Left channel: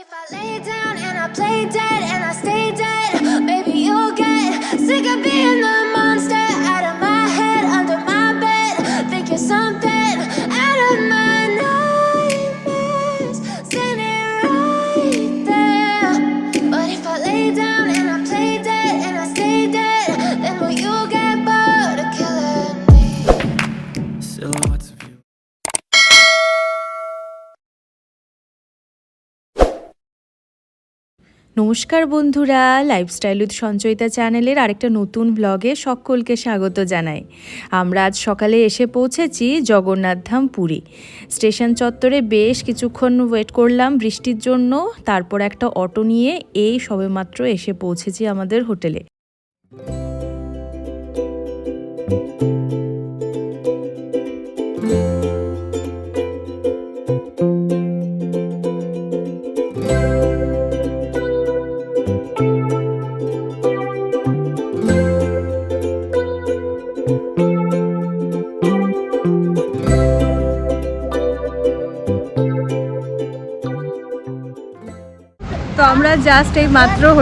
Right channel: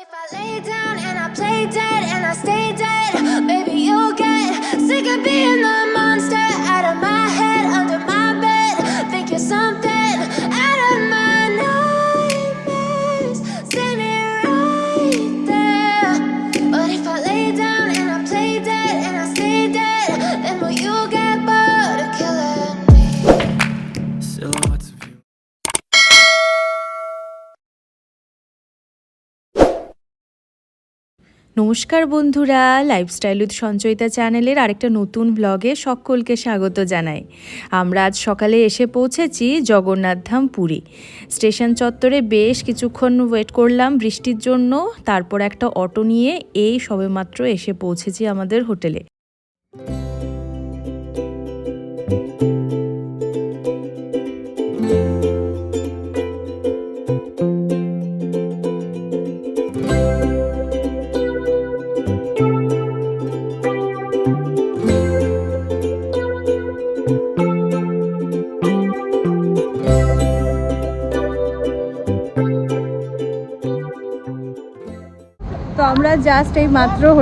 if I lay down and I play dead and I stay নমস্কার বন্ধুরা lifestyle with Sanchayita চ্যানেলের আরেকটা নতুন ব্লগে সকলকে স্বাগত জানাই। আমরা আজ সকালে এসে পৌঁছেছি জগন্নাথধাম পুরী। স্টেশন চত্বরে বেশ কিছুক্ষণ ওয়েট করলাম বৃষ্টির জন্য, তারপর একটা অটো নিয়ে এই সবেমাত্র এসে পৌঁছেছি আমাদের হোটেলে।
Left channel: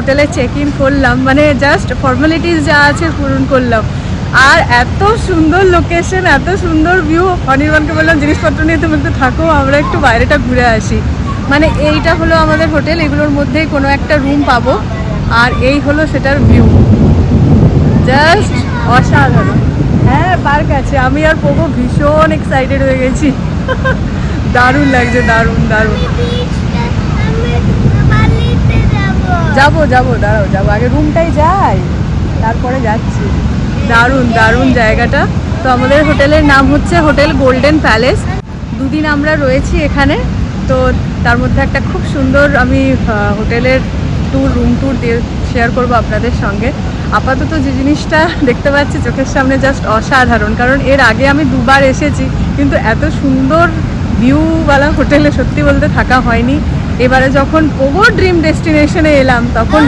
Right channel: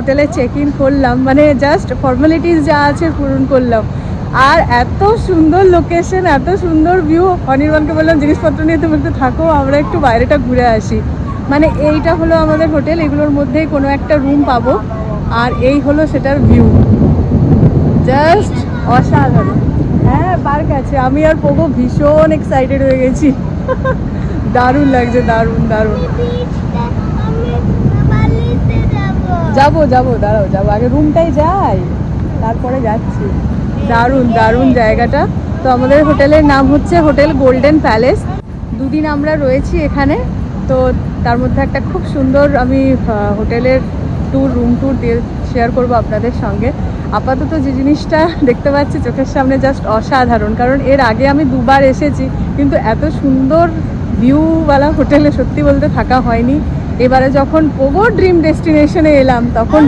হোটেলে চেক ইন করলাম মানে জাস্ট ফর্মালিটিস যা আছে পূরণ করলাম। আর এত সুন্দর লোকেশন এত সুন্দর ভিউ অনির্বাণকে বললাম, জিনিসপত্র নিয়ে তুমি একটু থাকো, আমরা একটু বাইরেটা ঘুরে আসি। মানে এইটা হলো আমাদের হোটেল, এগুলোর মধ্যেই কোনো একটা রুম পাবো। আর এই হলো সেটার ভিউ জাস্ট অসাধারণ। হ্যাঁ পার্ক আছে। আমি আর পোগো ভীষণ এক্সাইটেড হয়ে গেছি। দারুণ লাগছে, দারুণ দারুণ। যাব যাব, দাঁড়াও, যাব। আগে রুমটাই যাই, তারপরে যাচ্ছি। দারুণ দারুণ জায়গাটা। তো আমাদের হোটেলের নাম হচ্ছে হোটেল গোল্ডেন প্যালেস। দুদিন আমরা রয়েছি এখানে। তো তার মধ্যে একটা খুব সুন্দর আমি হোটেলের ট্যুর রুম ট্যুর দিয়ে শেয়ার করব আপনাদের সঙ্গে। আপাতত যে জিনিসটা দেখতে পাচ্ছি চোখের সামনে জাস্ট অসাধারণ, কারণ এর আগে আমি দুবার এসেছি, কিন্তু এত সুন্দর ভিউওয়ালা হোটেলে সত্যি বলতে থাকা হয়নি। এবারে যখন ওগো ড্রিম ডেস্টিনেশনে এলাম তখন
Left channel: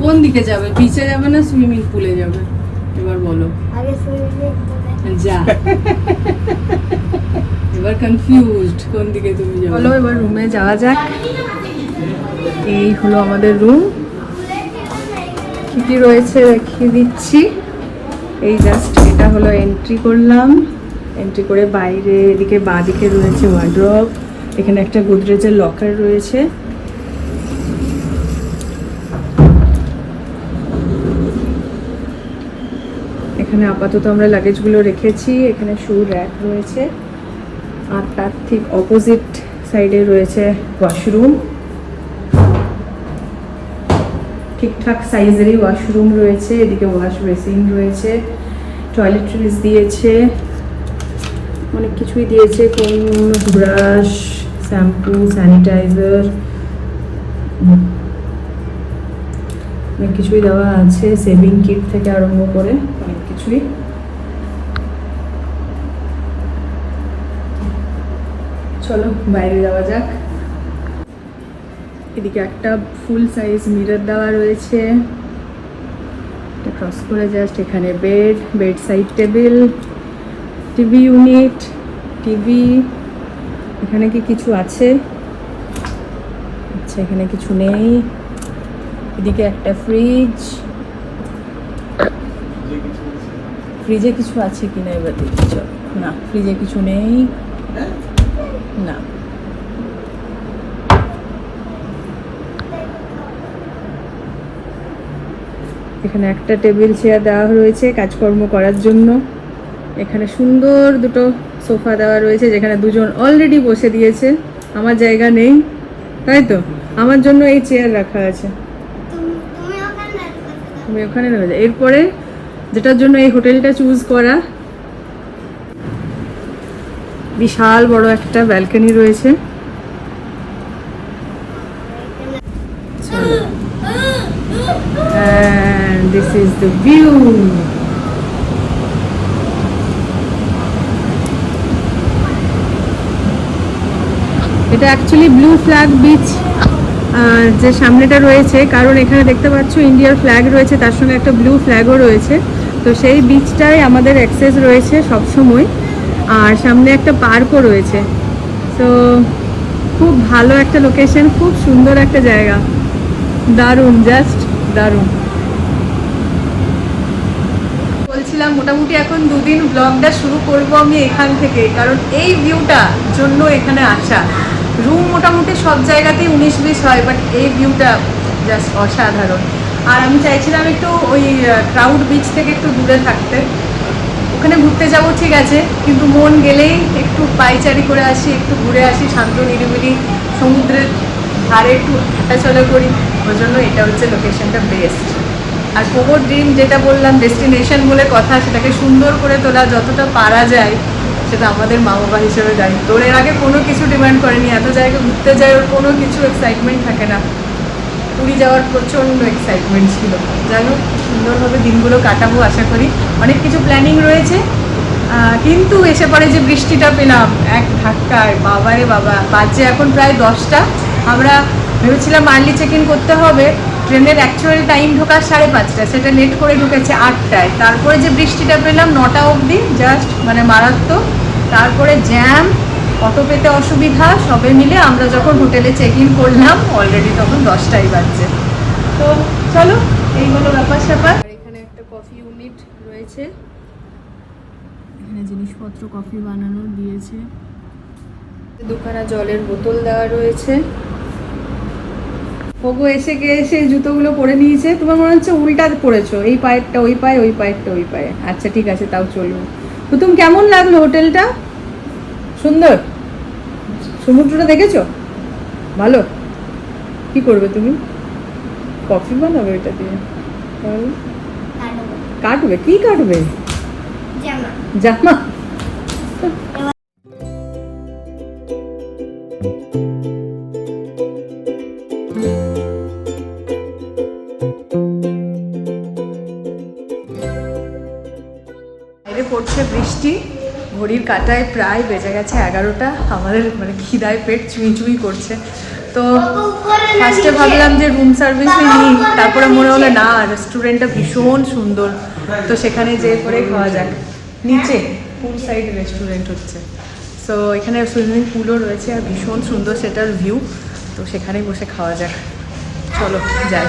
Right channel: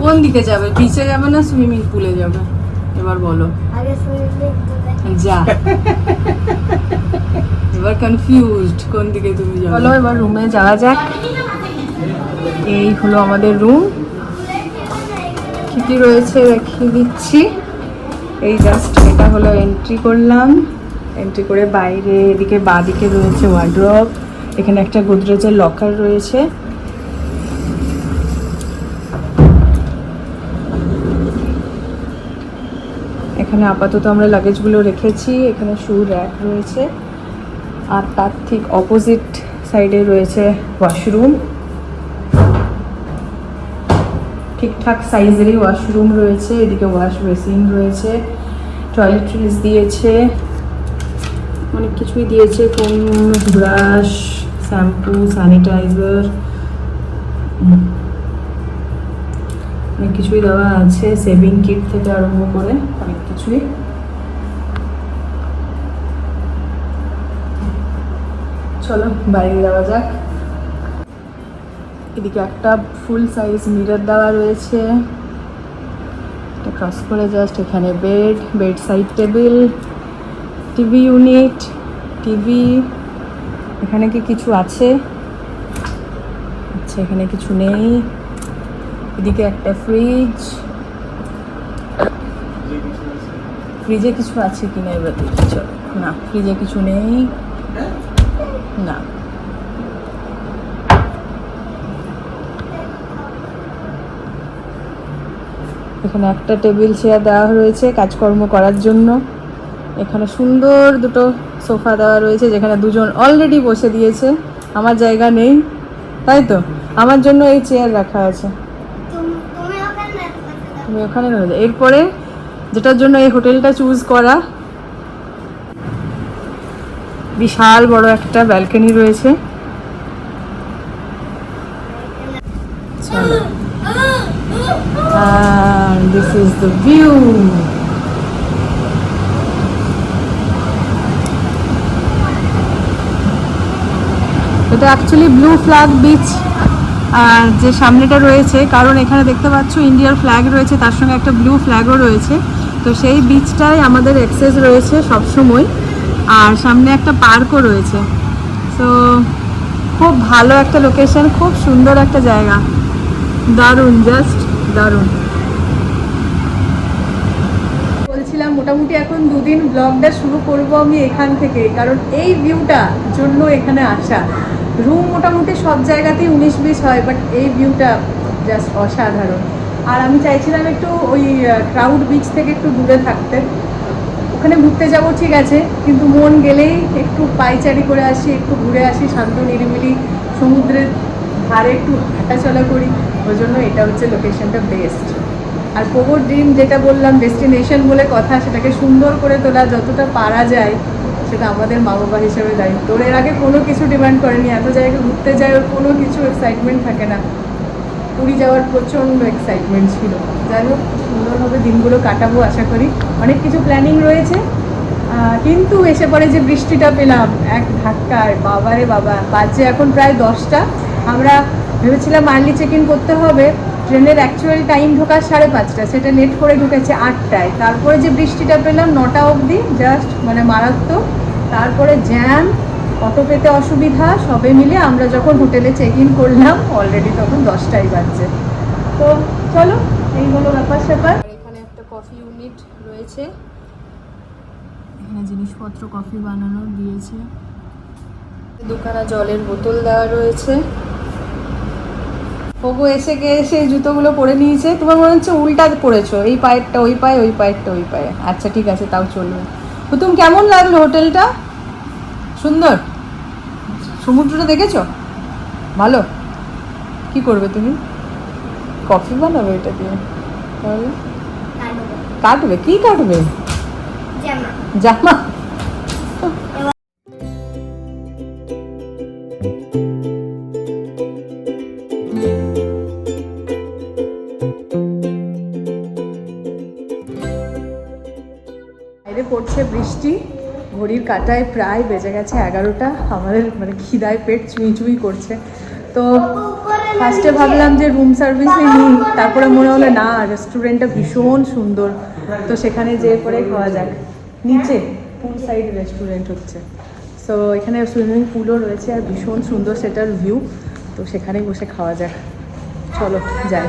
কোন দিকে যাবে? বিচে যাবে না সুইমিং পুলে যাবে? এবার বলো। যা। এবার কনফিউজড কোন দিকে তুমি যাবে। চলো এবার রুমে যাওয়া যাক। এই হলো আমাদের রুম কি কি রয়েছে দেখিয়ে দিচ্ছি। এই জাস্ট এটা হলো এন্ট্রি করলাম। এন্ট্রি করে বাইরে, এদিকে বাঁদিকে রয়েছে ওয়ার্ড্রপ এখানে একটা গোদরেজের লকার রয়েছে। এখানে আপাতত আমরা লাগেজগুলো রেখেছি। এখানে শু র্যাক রয়েছে। আর তার ঠিক অপোজিট সাইডে রয়েছে ওয়াশরুম ঠিকঠাক সাইজেরই ওয়াশরুম রয়েছে, এদিকে ওয়াশ বেসিন রয়েছে টয়লেট্রিজ দিয়েছে, অনেক কিছুই দিয়েছে কোন ব্রাশ শ্যাম্পু স্যানিটাইজার অনেক কিছুই দেওয়া আছে সেভিং কিট থেকে আরম্ভ করে অনেক কিছুই। চলো বাইরে যাওয়া যাক। এদিকে একটা ফুল সাইজ মিরর দেওয়া রয়েছে। এটা ক্রস করে জাস্ট এখানে bed bedside table TV unit TV এখানে কি কিছু আছে? আচ্ছা এখানে কিছু নেই। এদিকে একটা ফ্রিজ ফ্রিজে কিছু আছে কিনা এবার দেখি না ফ্রিজে কিছু নেই। না। এখানে একটা টেবিল চেয়ার দেওয়া রয়েছে কাজকর্ম করার জন্য। এখানে সুন্দর দুটো সোফা দেওয়া রয়েছে যেখানে দুজন অলরেডি বসে দিয়েছে। আমার জায়গা নেই, তাই তো? আমার জন্য এই চেয়ার রাখা আছে। তুমি ওখানে ওখানে এরপরে যেটার জন্য এই হোটেলটা চুজ করা, বিশাল বড় একটা ব্যালকনি রয়েছে। This is the view. এটা অ্যাকচুয়ালি ব্লু ফ্ল্যাগ বিচ আর যে সামনেটা রয়েছে, কারণ এখানে দেখতে পাচ্ছ ইন্ডিয়ার ফ্ল্যাগ রয়েছে, তার সঙ্গে একটা ব্লু ফ্ল্যাগও রয়েছে। তো সেই বিচটায় আমাদের অ্যাক্সেস রয়েছে সব সময় আর সামনে একটা পার্কও রয়েছে। তো খুব ভালো একটা লোকেশন খুব সুন্দর একটা জায়গা। দারুণ জাস্ট দারুণ বলছিলাম মোটামুটি এখন দুদিন ব্লগটা শুরু করব আমি এখান থেকে কারণ এই ভিউটা জন্য এখানে আসা। রুম মোটামুটি সব জায়গাতেই উনিশ বিশ হয় বাট এই ভিউটা জাস্ট অসাধারণ। আর আমি চাইছিলাম একটু ওই ক্রাউড বিচ থেকে একটু দূরে থাকতে। ওখানে ঘুরতে যাব ঠিক আছে, কিন্তু মন গেলেই একটু পাইচারি করে আসি, একটু ঘুরে আসি, শান্ত, নিরিবিলি, সমুদ্রের ধারে একটু হাঁটাচলা করি। ওই জন্য এটা হচ্ছে লোকেশনটা বেস্ট আর কোমর ড্রিম যেটা বললাম ডেস্টিনেশন বলে কথা, সেটাকে সুন্দর করে তোলা যতটা পারা যায়, সেটা আমাদের মা বাবা হিসেবে দায়িত্ব ওর এর আগে কোনো কিছু ডিমান্ড করেনি, এত জায়গায় ঘুরতে যায়, ওর কোনো কিছু এক্সাইটমেন্ট থাকে না। পুরী যাওয়ার প্রচণ্ড এক্সাইটমেন্ট ছিল। জানো সুন্দরভাবে দিনগুলো কাটাবো আশা করি। অনেক কিছু প্ল্যানিং রয়েছে কিন্তু এসে পরে যে বৃষ্টিটা পেলাম, এক ধাক্কায়, বাবারে বাবা, বাজে এখন প্রায় দশটা। আমরা ভেবেছিলাম আর্লি চেক ইন করতে হবে ট্রেনের অ্যাকচুয়াল টাইম ঢোকার সাড়ে পাঁচটা সেটা লেট করে ঢুকেছে আটটায়। তারপরে যে বৃষ্টিটা পেলাম নটা অবধি জাস্ট মানে মারাত্মক। তারপরে জ্যাম অটো পেতে অসুবিধা, সবে মিলে আমরা যখন হোটেলে চেক ইন করলাম অলরেডি তখন দশটাই বাজছে। তো চলো, এই হলো ব্যাপার স্যাপার। এখানে একটা কফি ইউনিট রয়েছে। এখানে জিনিসপত্র কফি বানানো দিয়েছে। দুখানা জলের বোতল দেওয়া রয়েছে। তবু এসে গিয়ে এসে জুতোগুলো পরে নিয়েছে? তোমার মনে হচ্ছে উল্টা পরেছো। এই পায়েরটা ওই পায়ে ওই পায়েরটা ওই পায়ে। আচ্ছা ঠিক আছে তাও চলবে। হুতুম কেমন লাগল হোটেলটা? সুন্দর? সমুদ্রটা দেখেছ? ভালো? কি করবে তুমি? কফি বানাবে ওইটা দিয়ে। কাটবে। কি কাটবে? জামা? পড়ছে বৃষ্টি, ঘড়ির কাঁটায় প্রায় বেজে গেছে এগারোটা। আমাদের মানে খিদায় পেট চুই চুই করছে। তো ফার্স্টে ভাবলাম যে রুম সার্ভিসে নিই, তারপরে মনে হলো, না রেস্টুরেন্টটা ভীষণ সুন্দর। তো সেখানে যেয়ে করে খাওয়া যাক। নিচে পুল সাইড রেস্টুরেন্ট হচ্ছে। সো এখানে সুইমিং পুলও রয়েছে আর ভীষণ সুন্দর সেটার ভিউ তো সেখানেই বসে খাওয়া যাক। চলো, যাই।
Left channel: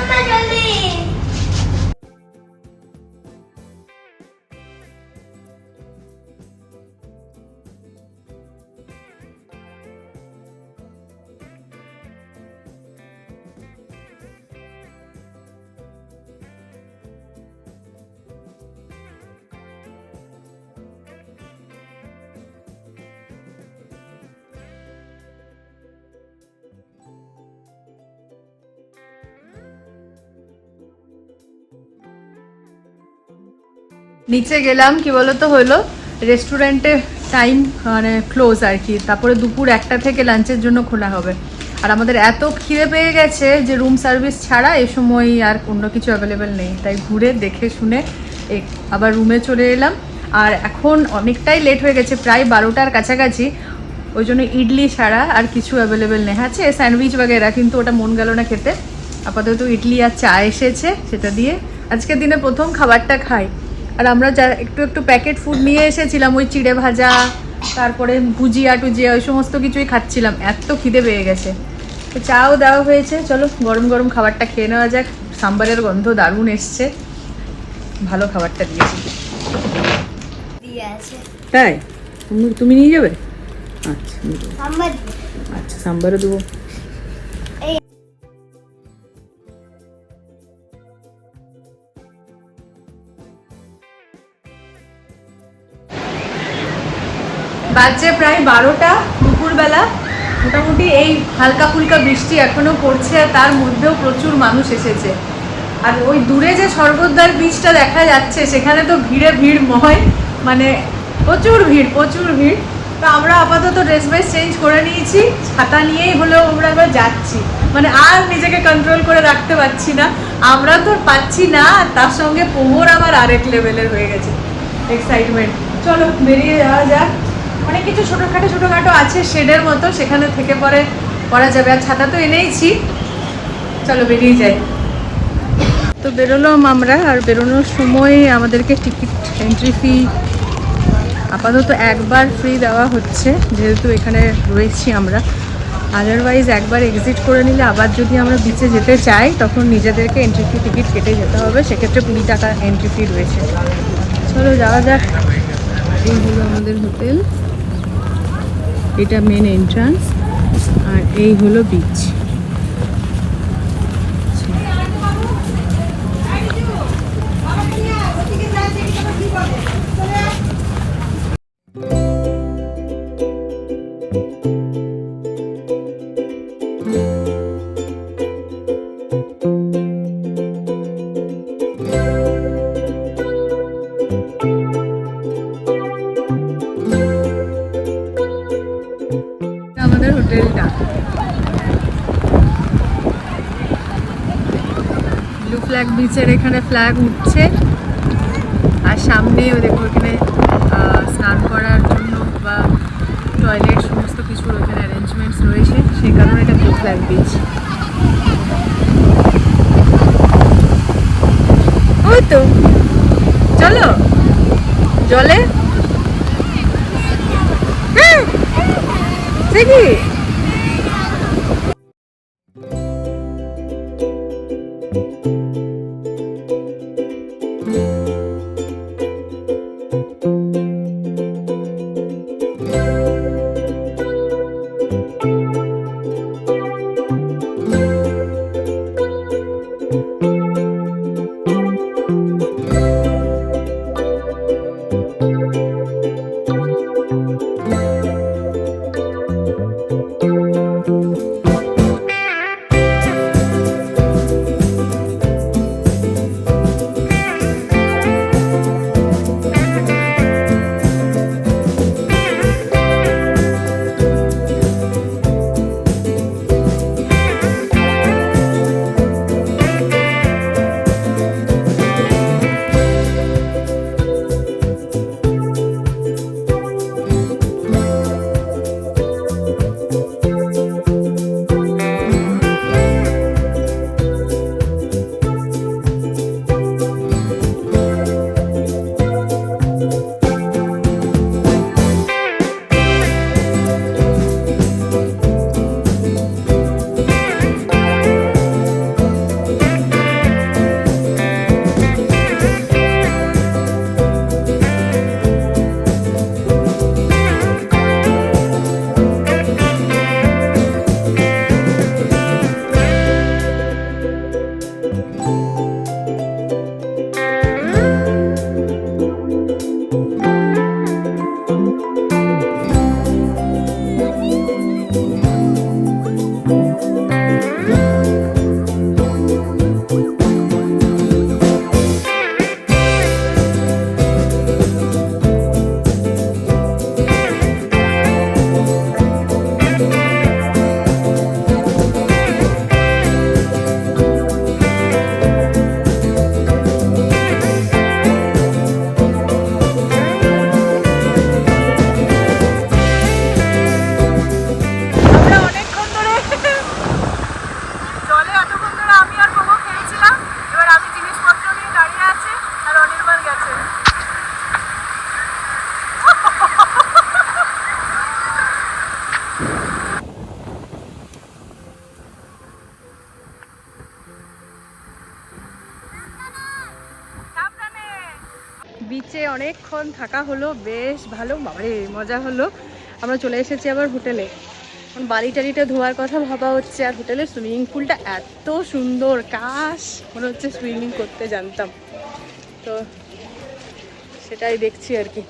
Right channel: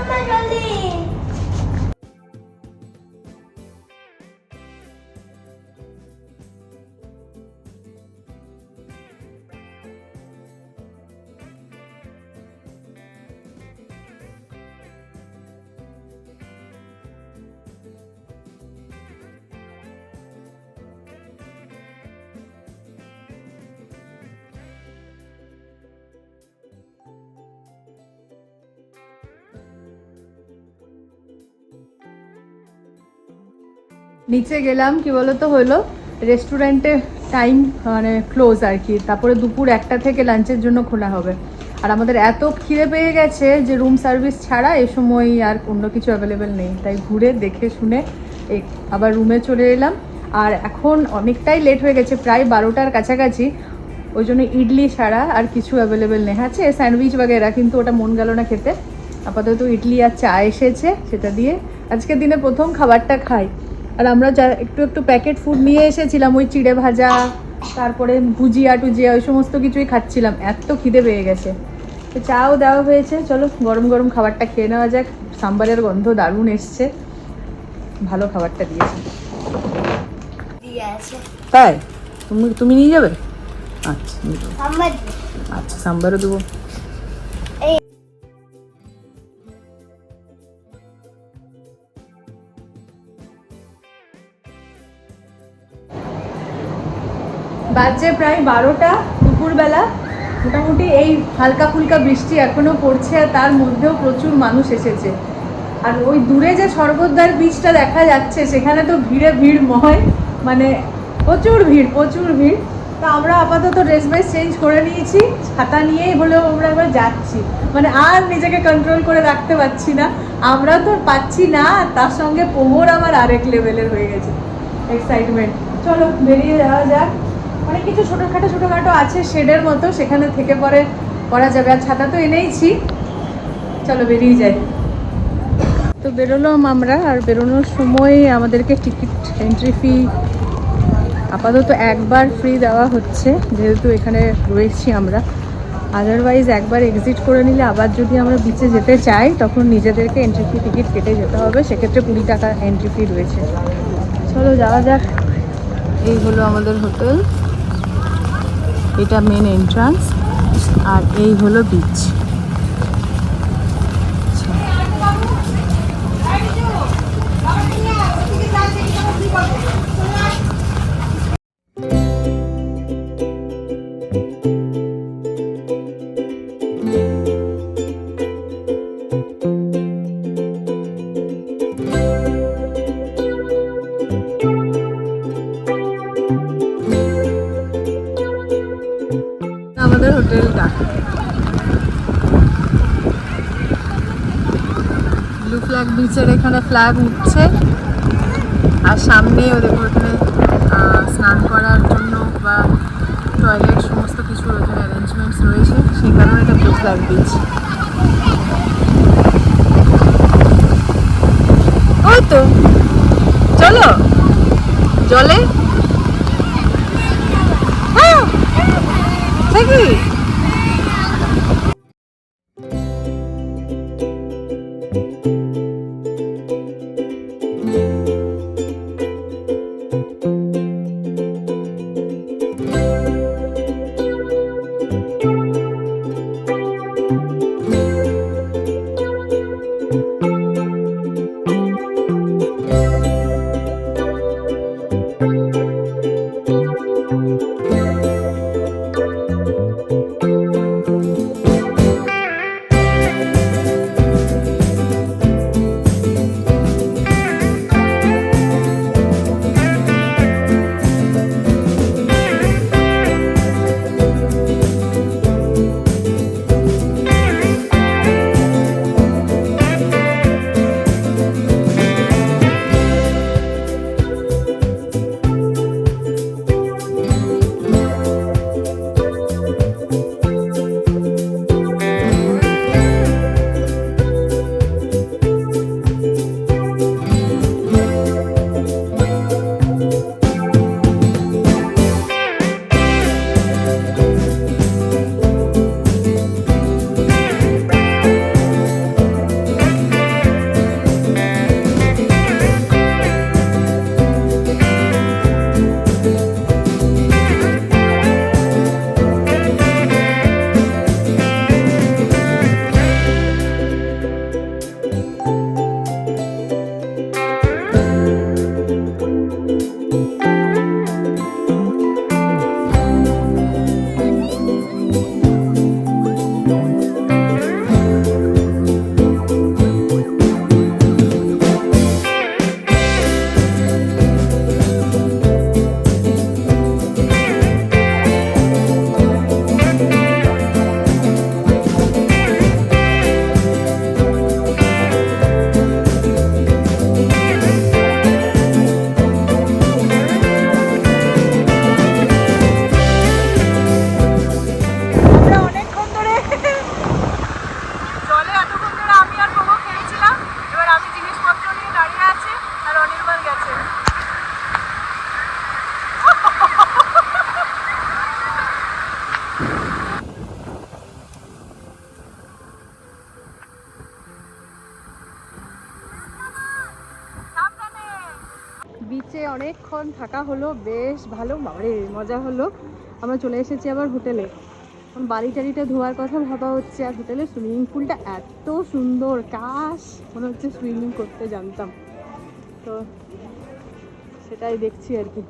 নিচে গেলাম, কি বলতো হলো? রেস্টুরেন্টে টাইম মানে ক্লোজ আর কি। তারপরে দুপুর একটা থেকে লাঞ্চের জন্য খোলা হবে। আর আমাদের এত খিদে পেয়ে গেছে যে রুম সার্ভিস ছাড়া এ সময় আর অন্য কিছু অ্যাভেলেবেল নেই। তাই ঘুরে দেখে শুনে আবার রুমে চলে এলাম। আর এখন অনেকটাই লেট হয়ে গেছে, প্রায় বারোটার কাছাকাছি। ওই জন্য ইডলি ছাড়া আর কিছু অ্যাভেলেবেল নেই। আছে স্যান্ডউইচ বাগেরা, কিন্তু ওটা মন গেল না খেতে। আপাতত ইডলি আর চা এসেছে, সেটা দিয়ে আজকের দিনে প্রথম খাবারটা খাই। আর আমরা যা একটু একটু প্যাকেট ফুড নিয়ে এসেছিলাম ওই চিড়ে ভাজা তারপরে ভুজিয়া টুজিয়া ওই সমস্ত কিছুই খাচ্ছিলাম। এত খিদে পেয়ে গেছে। চাও দেওয়া হয়েছে চলো গরম গরম খাবারটা খেয়ে নেওয়া যাক। সাম্বারের গন্ধ দারুণ এসছে। ভালো খাবারটা দিয়েছি। তাই? তুমি তুমি নিয়ে যাবে? আচ্ছা আচ্ছা সাম্বারও দেবো। বারোটা দুপুরবেলা। মোটামুটি এই হালকা ফুলকা বৃষ্টি এখনও পড়ছে, তার মধ্যেও প্রচুর মানুষ এসেছে। আর ওই দূরে যে সর্বদার বীজটা দেখা যাচ্ছে, সেখানে তো ভিড়ে ভিড় ময় মানে প্রচুর ভিড় প্রচুর ভিড়। তো আমরা আপাতত ড্রেস ফ্রেস চেঞ্জ করে নিয়েছি, ছাতা নিয়েই হলেও আমরা এবার যাচ্ছি। মানে আর নিজেকে কন্ট্রোল করে রাখতে পারছি না। আমরা তো পাচ্ছি না, আর তার সঙ্গে পোহর আমার আরেক লেভেলের হয়ে গেছে। এক্সাইটমেন্ট চলো, বেরিয়ে যাওয়া যাক। অনেক কিছু ছোটোখাটো ছোটোখাটো আছে শেডের মতো সেখানে থেকে পরে করা যাবে। আর ছাতা তো এনেইছি। চলো বেরিয়ে যাই। তো বেরোলাম আমরা আর বেরোনোর সময় আমাদেরকে টিকিট এন্ট্রি ফি আপাতত একবার ফ্রি দেওয়া হচ্ছে যেহেতু এখানে রয়েছি আমরা। আদারওয়াইজ একবার এক্সিট করে নিলে আবার যদি আমরা বিচে যেতে চাই তখন নিজেদেরকে এন্ট্রি ফি টিকিট কেটে যেতে হবে। সেক্ষেত্রে কুড়ি টাকা এন্ট্রি ফি রয়েছে। চলো যাওয়া যাক। এই হলো আমাদের হোটেল এটা মেন এন্ট্রান্স আর এই হলো বিচ ফ্ল্যাগ বিচের এখানে ফ্ল্যাগ উঠছে। আর সামনে ওদের ওখানে স্নান করার জন্য বা টয়লেট সমস্ত কিছুর ওখানে অ্যারেঞ্জমেন্টস রয়েছে। সেই কারণে এটা ব্লু ফ্ল্যাগ বিচ ওই তো, চলো। জলে? অনেকক্ষণ থাকা হলো বেশ ভালো। বাবারে, মজা হলো। আমরা চলে এসেছি আবার হোটেলে। এখন বালি টালিটা ধোয়ার কথা ভাবা হচ্ছে, আর হোটেলের সুইমিং পুলটা এত সুন্দর। কাশ, মনে হচ্ছে সুইমিং করতে জানতাম। তো সেটাই দেখছি আর কি।